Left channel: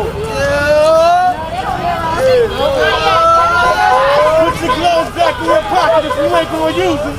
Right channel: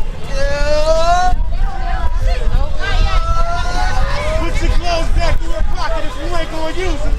Put your gloves back in your pocket if you ain't gonna use them.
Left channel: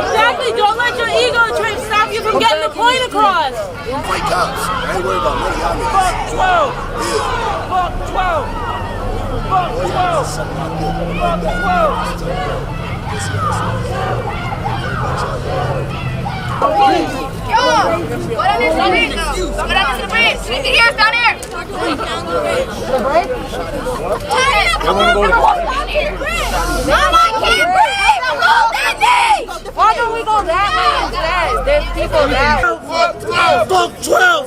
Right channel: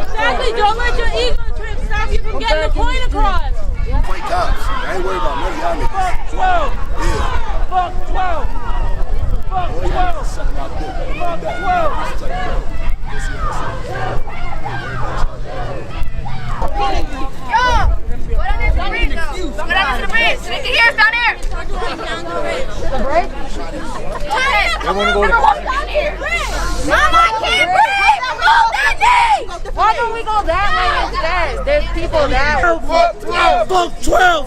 Exactly, don't let your ego trip stop you from getting the point across. Fuck 12! Fuck 12! Fuck 12! Fuck 12! Why don't we go that way instead? There's people that way. Fuck 12!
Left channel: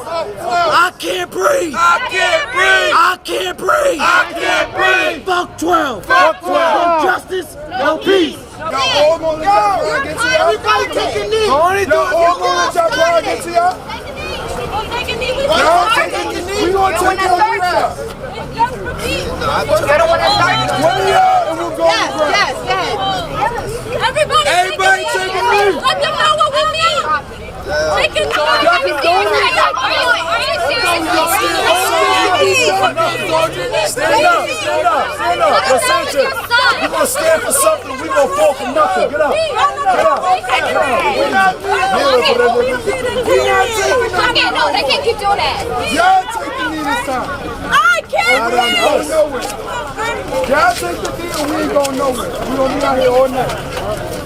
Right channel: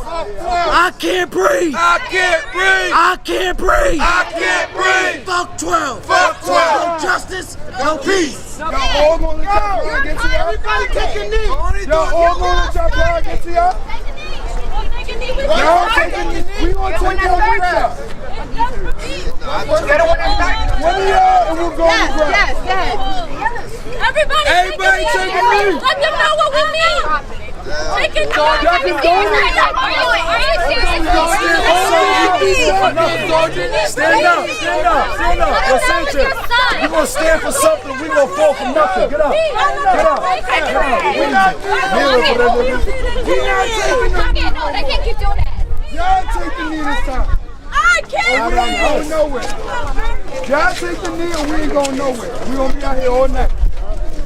I can't breathe! I can't breathe! I can't breathe! I can't breathe! Fuck 12! Fuck 12! No justice, no peace! Y'all all gonna let y'all bride get to y'all? Everybody take a knee! Y'all all gonna let y'all bride get to y'all? We'll take a knee with you. Y'all take a knee? We gonna take one with y'all. It's just for peace. I don't want to start. One of y'all and we'll go to bride. Everybody take a knee. Let them know what we mean. Take a knee. Are you You gonna stand for something, you gonna fall for nothing. No, they can't keep doing that. Y'all take the knee this time. I can't breathe. Y'all take the knee and we ain't going nowhere. We're gonna be out here all night.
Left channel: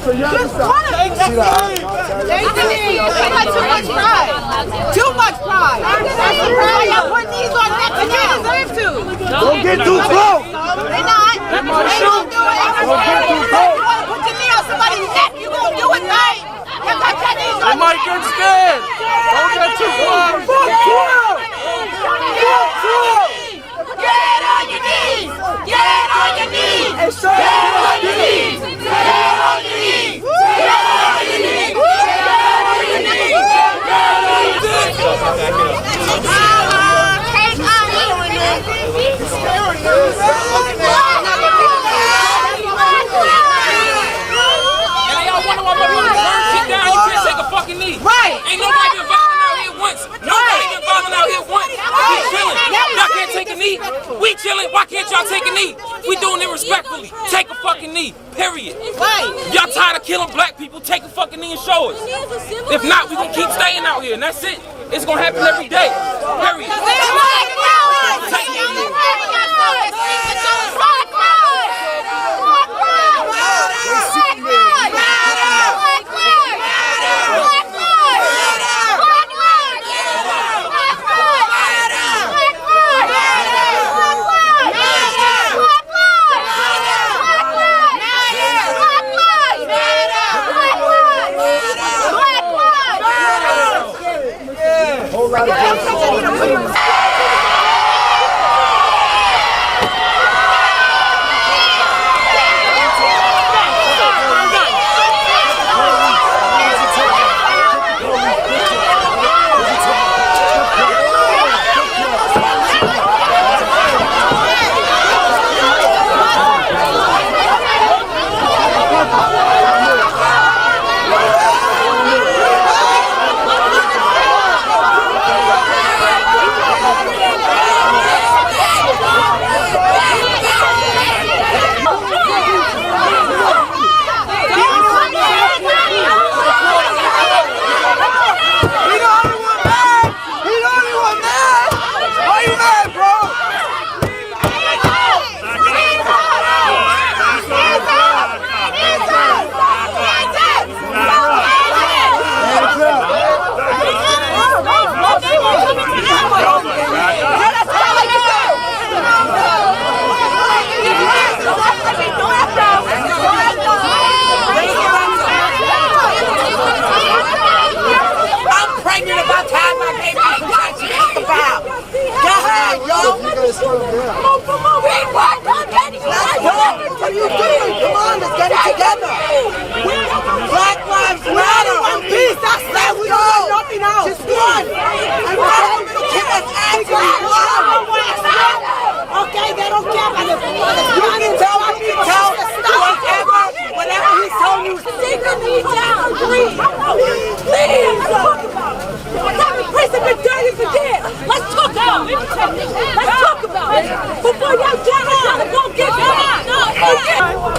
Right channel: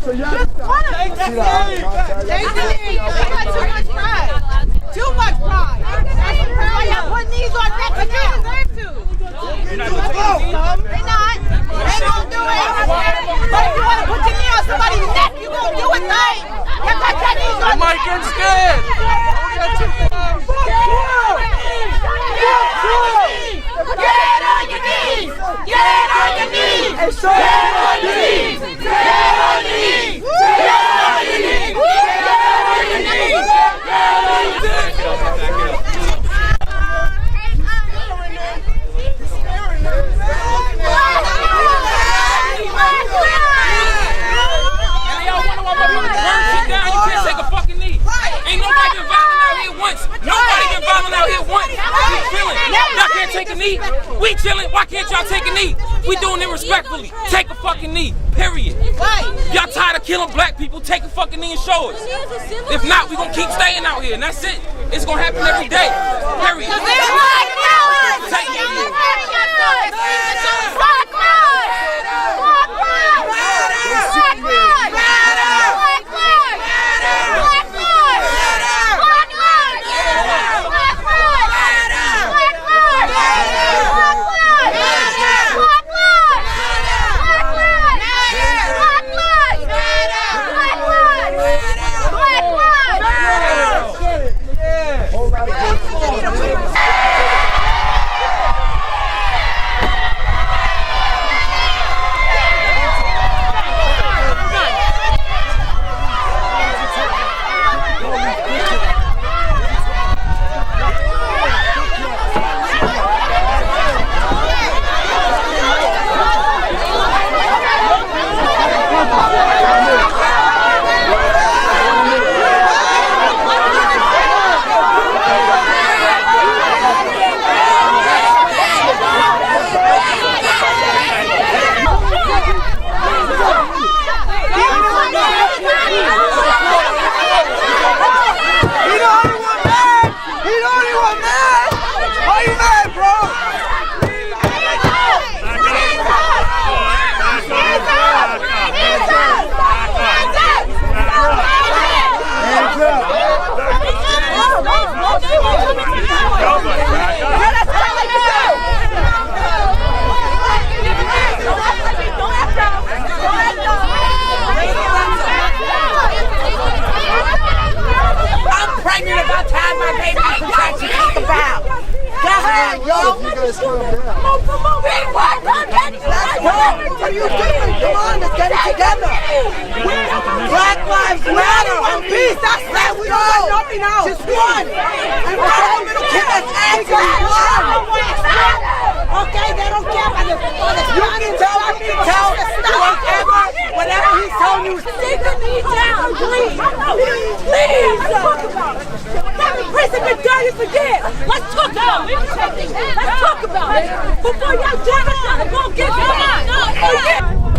So y'all Just stop. one of you. Take the knee. They got too much pride. Too much pride. Y'all put these on that together. Don't get too close! They're not. They might shoot! Don't get too close! They might get scared! Don't get too close! Fuck 12! Fuck 12! Get on your knees! Get on your knees! Hey, so Get on your knees! Get on your knees! Get on your knees! here, and that's it. It's gonna happen every day. Period.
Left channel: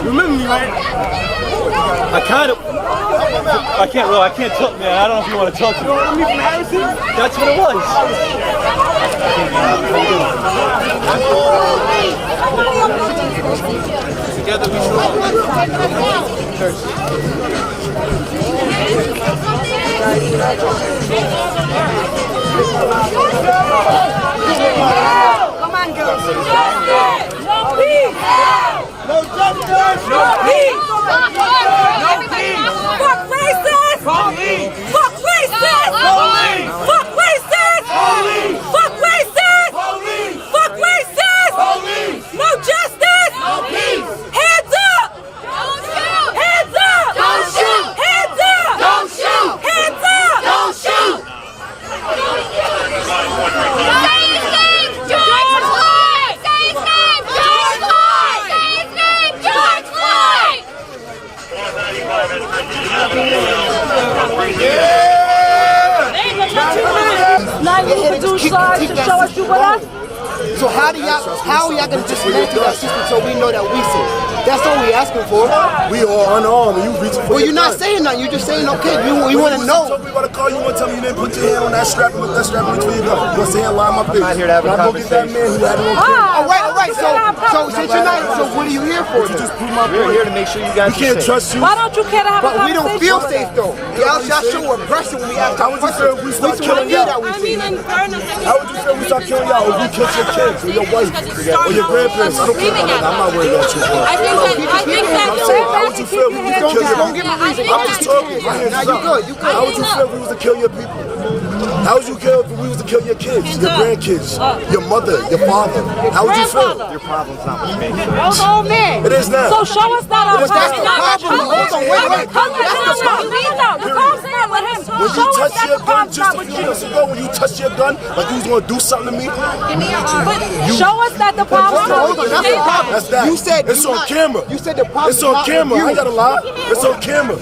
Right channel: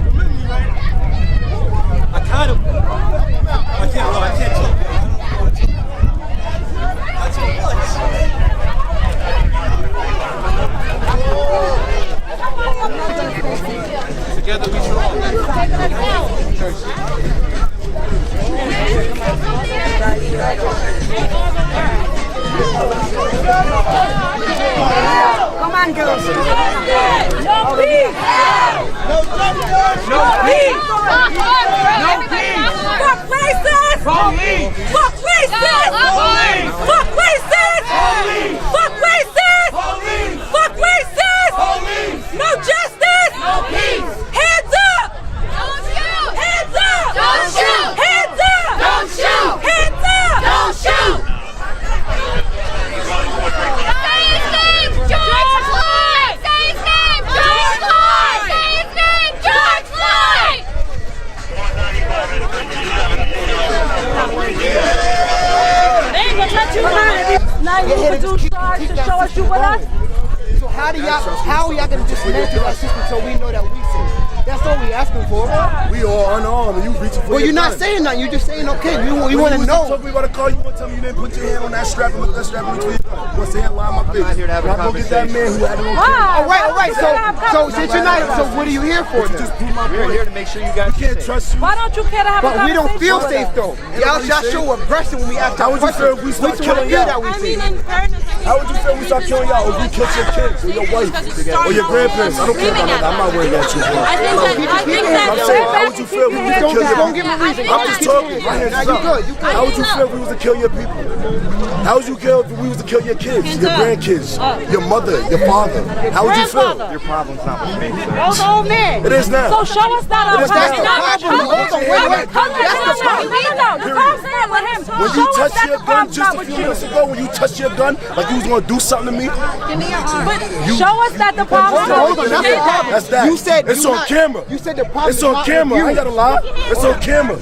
Remember me, right? I can't talk, man. I don't know if you want to talk to me. You remember me from Harrison? That's what it was. Together we strong. No peace! No justice! No peace! No peace! Fuck racist! Police! Fuck racist! Police! Fuck racist! Police! Fuck racist! Police! Fuck racist! Police! No justice! No peace! Hands up! Don't shoot! Hands up! Don't shoot! Hands up! Don't shoot! Hands up! Don't shoot! Say his name! George Floyd! Say his name! George Floyd! Say his name! George Floyd! So how are y'all gonna just move to our system so we know that we see? That's all we asking for. We are unarmed. You reaching for. Well, you're not saying that. You're just saying okay. We want to know. We want to call you one time and then put your hand on that strap and that strap and clean up. You're saying why am I I'm not here to have a conversation. All right. So tonight, so what are you here for? We're here to make sure you guys We can't are safe. trust you. Why don't you care to have a We conversation? don't feel safe though. Y'all show aggression when we ask y'all questions. We just want to feel that we see. How would you feel if you Keep your hands down. Step back and keep your hands Just down. don't give me a reason, guys. Just keep your hands down. Now you good. You good. How would you feel if we was to kill your kids, your grandkids, your mother, your father? How would you feel? It is now. So show us that our But that's the problem. Hold on. Wait. That's the problem. No. The problem's not with him. When Show you us touched that your the gun problem's just not a with few you. minutes ago, when you touched your gun, like you was gonna do something to me, Show us that the problem's not Hold on. That's the problem. that's that. You said it's on camera. You said the problem It's is on not camera. with I you. ain't gotta lie. It's on camera.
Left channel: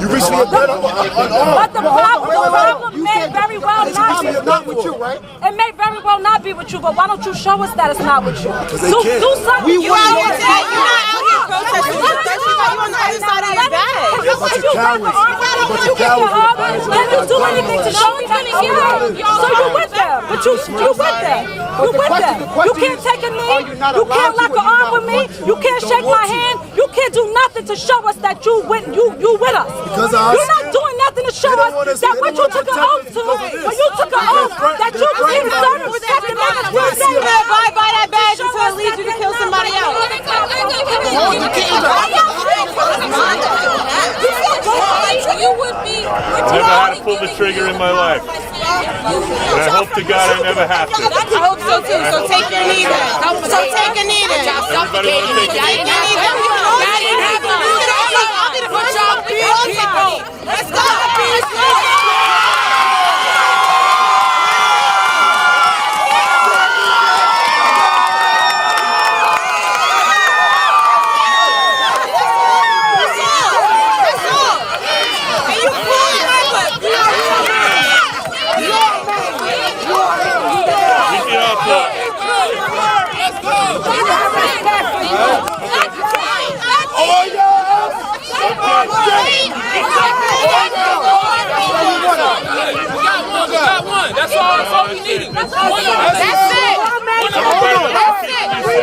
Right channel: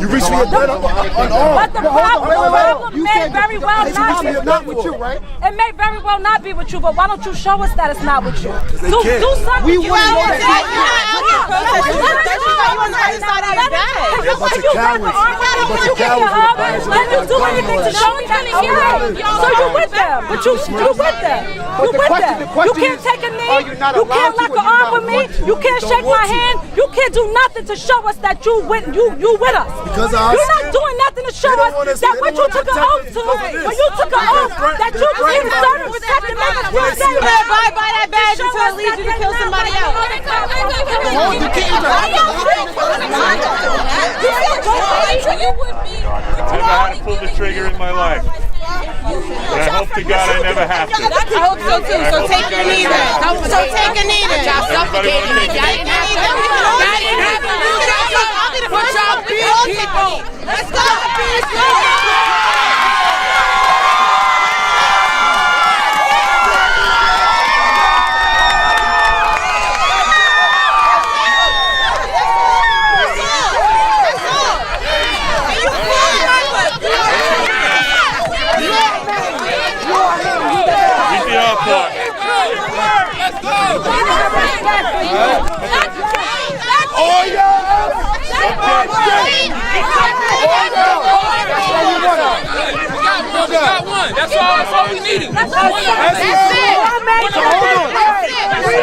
You reached for your gun unarmed. But the problem You may said very well this not problem be. is not with you, right? It may very well not be with you, but why don't you show us that it's not with you? they Do can't. something. You out here today, you're not out here protesting with us. You got you on the other side of your bed. You're cowards. bunch of cowards with a badge and Can you do anything to show me that? Okay. So you're with them, but you with them. You with them. You can't take a knee. You can't lock an arm with me. You can't shake my hand. You can't do nothing to show us that you with us. You're not doing nothing to show us that what you took an oath to, when you took an oath that you was here to serve and protect and make us feel safe. Abide by that badge until it leads you to kill somebody else. You would be. Never had to pull the trigger in my life. And I hope to God I never have to. I hope so too. So take your knee then. So take a knee then. Y'all suffocating it. Y'all didn't have to do that. But y'all beat people. Let's go. Let's go.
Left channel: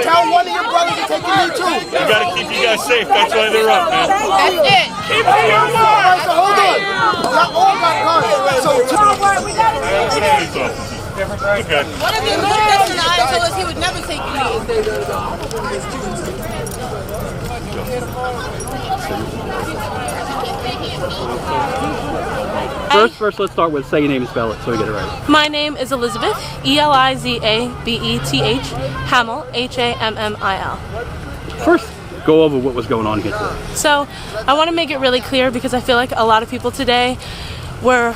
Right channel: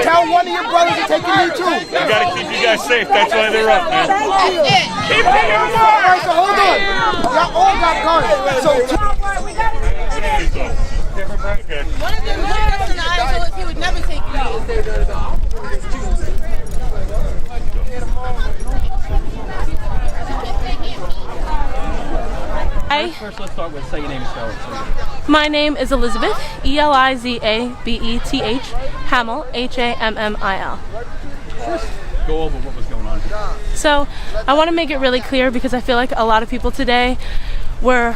Tell one of your brothers to take a knee too. You gotta keep you guys safe. That's it. That's it. Keep me on That's right. Okay. One of them looked us in the eye and told us he would never take a knee. First, let's start with say your name and spell it so we get it right. My name is Elizabeth, Elizabeth, Hamill, Hammil. First, go over what was going on here today. So, I want to make it really clear because I feel like a lot of people today were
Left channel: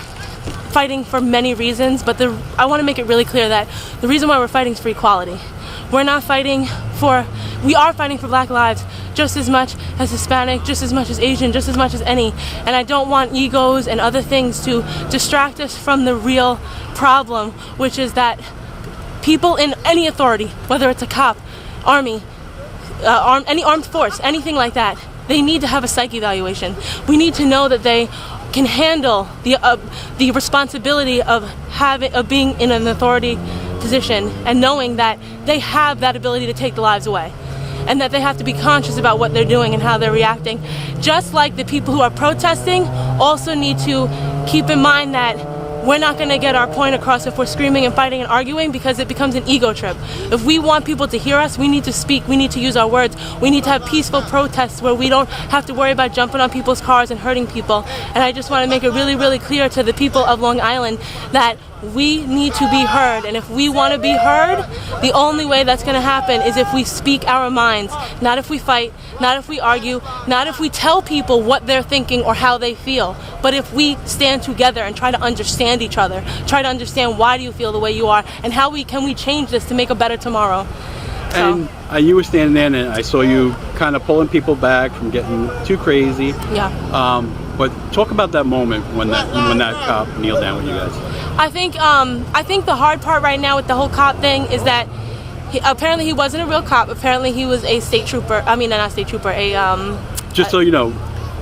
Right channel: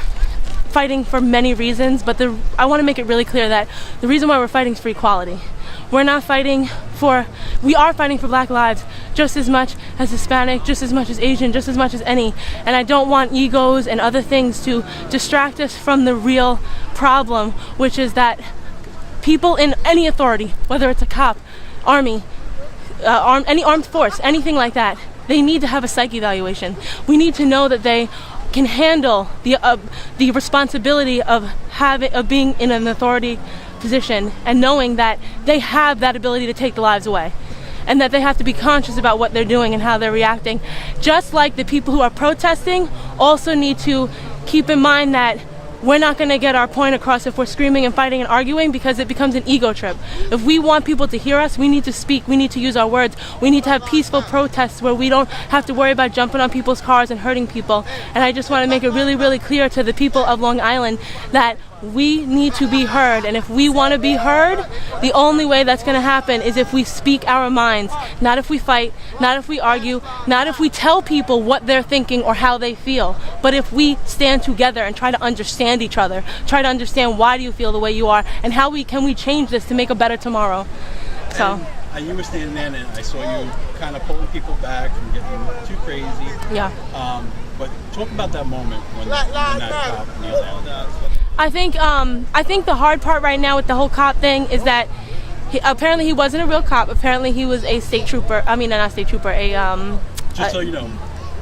fighting for many reasons, but I want to make it really clear that the reason why we're fighting is for equality. We are fighting for Black lives just as much as Hispanic, just as much as Asian, just as much as any. And I don't want egos and other things to distract us from the real problem, which is that people in any authority, whether it's a cop, army, any armed force, anything like that, they need to have a psych evaluation. We need to know that they can handle the responsibility of being in an authority position and knowing that they have that ability to take the lives away, and that they have to be conscious about what they're doing and how they're reacting. Just like the people who are protesting also need to keep in mind that we're not going to get our point across if we're screaming and fighting and arguing, because it becomes an ego trip. If we want people to hear us, we need to speak, we need to use our words, we need to have peaceful protests where we don't have to worry about jumping on people's cars and hurting people. And I just want to make it really, really clear to the people of Long Island that we need to be heard, and if we want to be heard, the only way that's going to happen is if we speak our minds, not if we fight, not if we argue, not if we tell people what they're thinking or how they feel, but if we stand together and try to understand each other, try to understand why do you feel the way you are, and how can we change this to make a better tomorrow. And you were standing there, and I saw you kind of pulling people back from getting too crazy. Yeah. But talk about that moment when that cop kneeled down with you guys. I think the hard part right now with the whole cop thing is that apparently he wasn't a real cop. Apparently he was a state trooper. I mean, not a state trooper. Just so you know,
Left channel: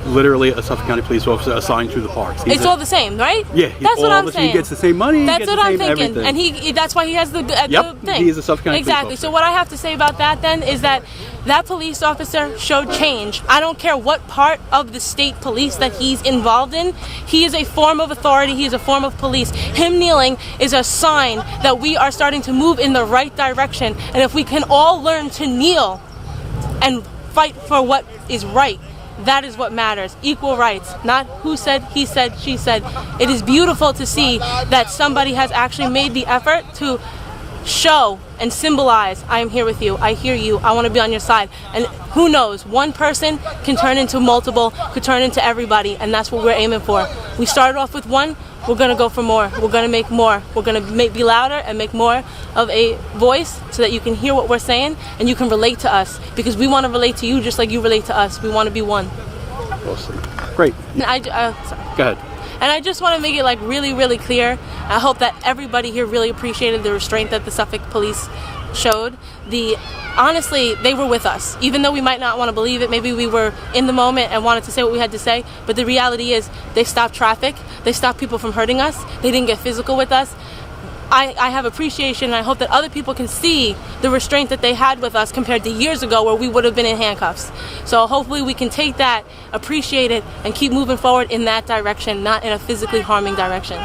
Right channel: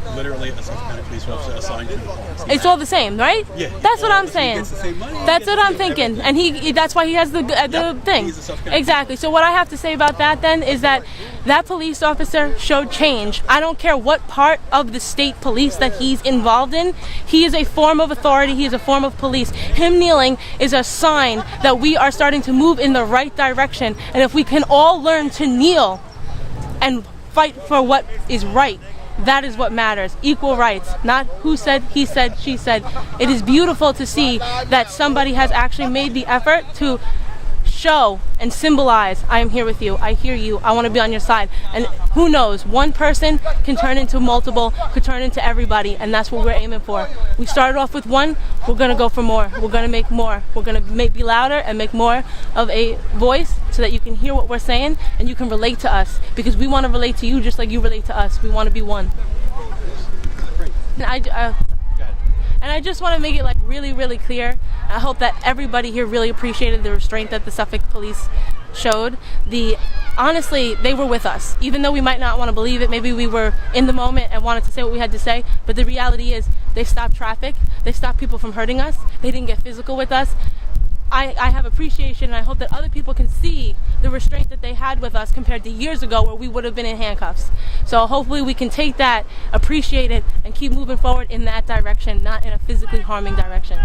literally a Suffolk County police officer assigned to the parks. It's all the same, right? Yeah, that's what I'm saying. He gets the same money. That's what I'm thinking, everything. and that's why he has the thing. He's a Suffolk County police exactly. officer. So what I have to say about that then is that police officer showed change. I don't care what part of the state police that he's involved in. He is a form of authority. He is a form of police. Him kneeling is a sign that we are starting to move in the right direction. And if we can all learn to kneel and fight for what is right, that is what matters. Equal rights, not who said, he said, she said. It is beautiful to see that somebody has actually made the effort to show and symbolize, I am here with you, I hear you, I want to be on your side. And who knows, one person can turn into multiple, could turn into everybody, and that's what we're aiming for. We started off with one, we're going to go for more, we're going to make more, we're going to be louder and make more of a voice so that you can hear what we're saying and you can relate to us, because we want to relate to you just like you relate to us. We want to be one. Awesome. Great. Sorry. Go ahead. And I just want to make it like really, really clear. I hope that everybody here really appreciated the restraint that the Suffolk police showed. Honestly, they were with us. Even though we might not want to believe it, maybe we were in the moment and wanted to say what we had to say, but the reality is they stopped traffic, they stopped people from hurting us, they didn't get physical with us. I have appreciation, and I hope that other people can see the restraint that they had with us compared to years ago where we would have been in handcuffs. So hopefully we can take that, appreciate it, and keep moving forward in that direction, not in a physically harming direction.